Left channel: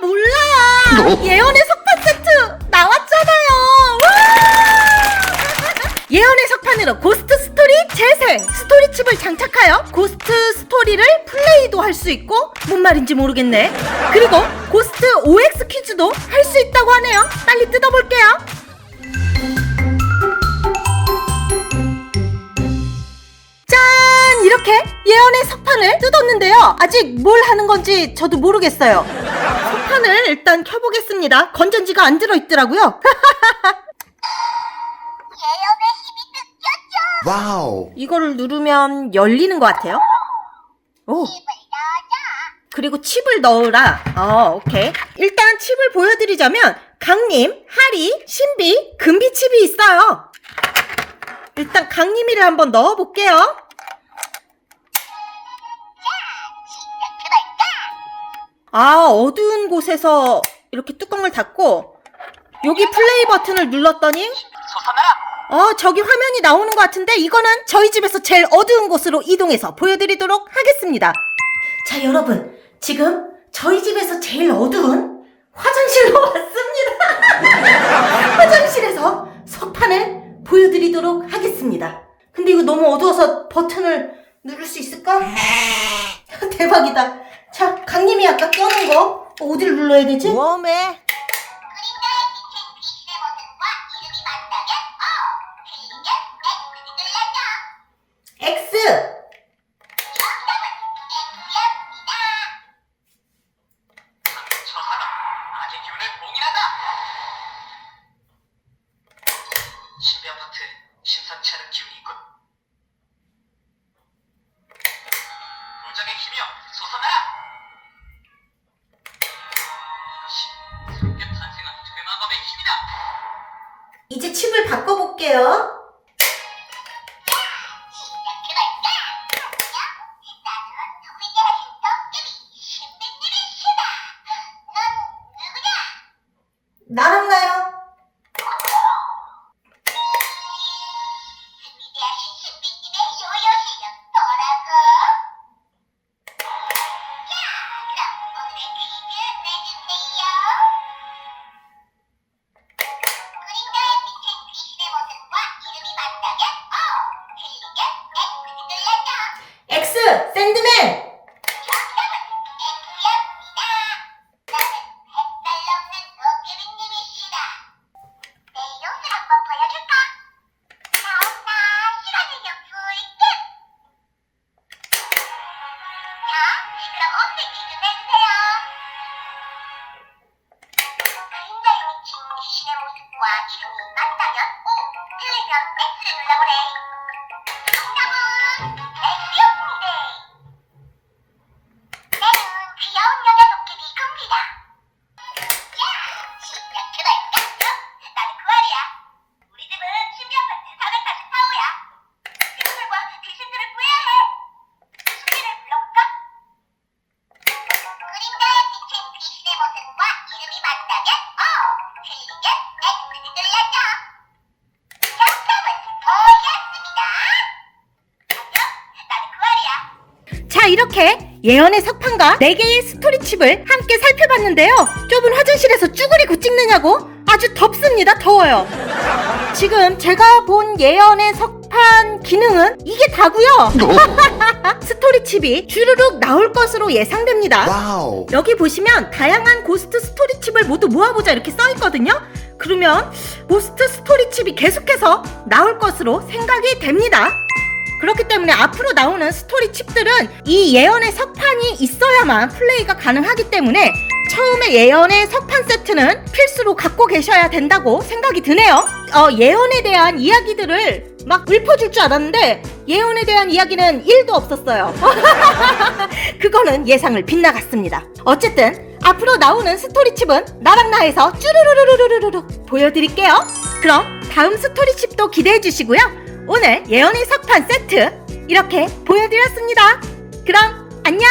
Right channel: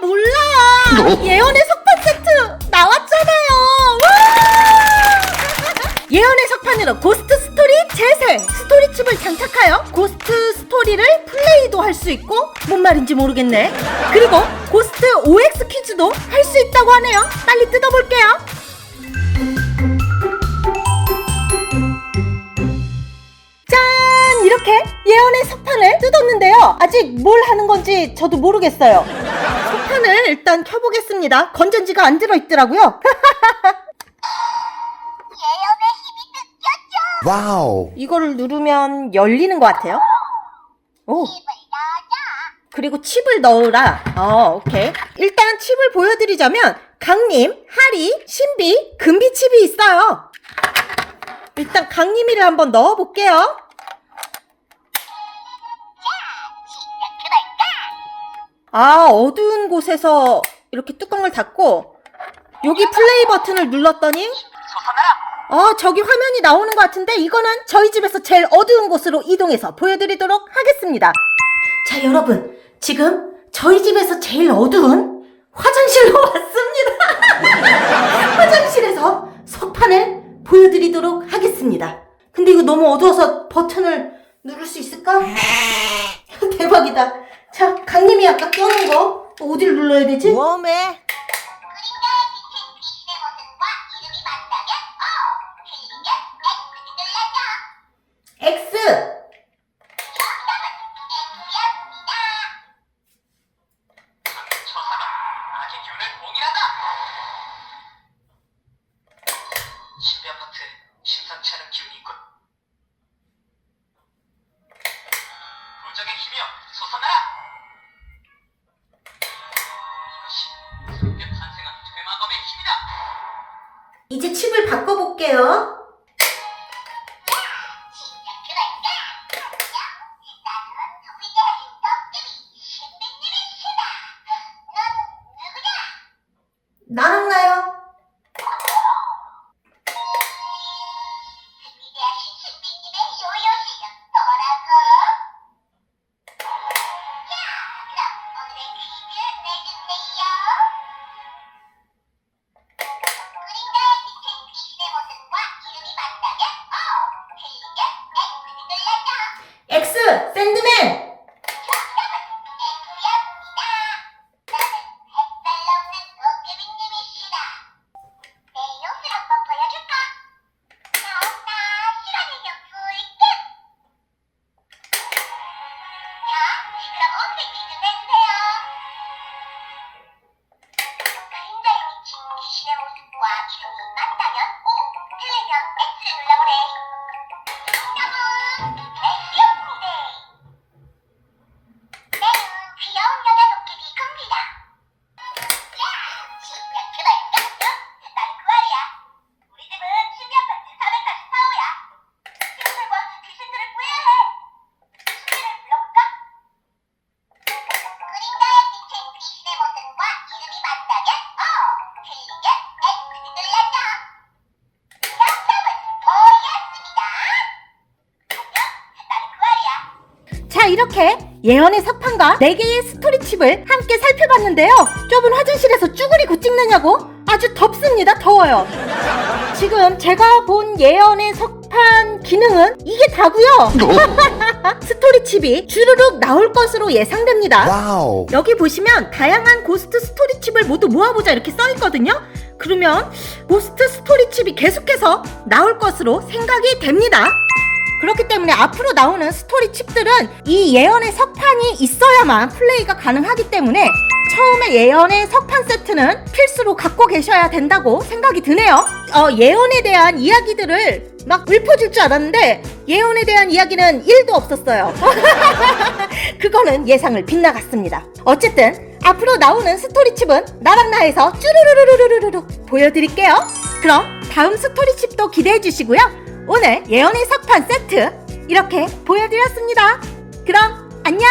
몰라요. 예언의 석판 세트 나왔잖아요. 와! 예언의 석판으로 고스트 스토리 재생! 스토리 칩을 장착하여 고스트 스토리를 플레이도 할 수 있고 뭔 말인지 모르겠네. 그리고 고스트 OX 퀴즈도 할 수 있다고 하네요. 빨리 뜯어볼게요. 짠! 이렇게 예언의 석판을 뜯었는데요. 아직 뭘 하는 건지 저도 모르겠어요. 석판을 일단 켜보겠습니다. 건전지가 안 들어있더라고요. 와우. 이거를 누르면 열리는 것 같아요. 오. 그리고 칩을 넣으라. 어, 오케이. 일단 칩을 보여드리자면 강림, 하리, 신비, 금비 칩이 있어요. 일단 강림이를 한번 넣어볼게요. 아, 어두운 곳에서 이렇게 뚜껑을 닫고 여기 플레이 버튼을 눌렀더니 어, 저기 화면이 나오는 것 같은데 이거는 저희 집에서 제일 어두운 곳으로 이동해서 보여드리도록 하겠습니다. 자, 여러분. 지금 저희 집에서 제일 어두운 화장실로 왔습니다. 화장실에서 석판을 보여드리도록 하겠습니다. 근데 이거 너무 어두워서 버튼을 누를 수 있을까? 대박이다. 자, 강님이 아까 껴놓은 거 어디를 눌러야 되지? 웜에 X! 아재 기운을 봉인한다. 신비 아파트 심상치 않은 기운이 있군. 힘이다. 이제 칩을 바꿔볼게요. 나랑 나요. X! 샌드맨! 자, 이렇게 예언의 석판과 4개의 스토리 칩을 함께 살펴봤는데요. 좁은 화장실에서 쭈그리고 찍느냐고 아주 덥습니다. 더워요. 지금 제가 본 예언의 석판 기능은 이게 다고요. 스토리 칩이 주르륵 나올 것으로 예상됩니다. 와우. 여기 보시면 다양한 고스트 스토리 칩을 모두 모아보자 이렇게 써 있거든요. 그러면 고스트 스토리 칩이 계속해서 나올 것으로 생각이 됩니다. 그렇기 때문에 앞으로 나오는 스토리 칩들은 이 예언의 석판이 있어야만 플레이가 가능하기 때문에 처음에 예언의 석판 세트는 필수로 갖고 계셔야 된다고 생각이 드네요. 어, 예언에 대한 이야기들을 막 읊어줄 줄 알았는데 예언에 대한 이야기는 1도 없었어요. 그거는 예상을 빗나갔습니다. 어쨌든 앞으로 나오는 스토리칩은 나랑 나에서 쭈루루루루루루루 보여드릴게요. 그럼 다음 스토리칩도 기대해 주시고요. 오늘 예언의 석판 세트 이렇게 보여드렸습니다. 그럼 안녕!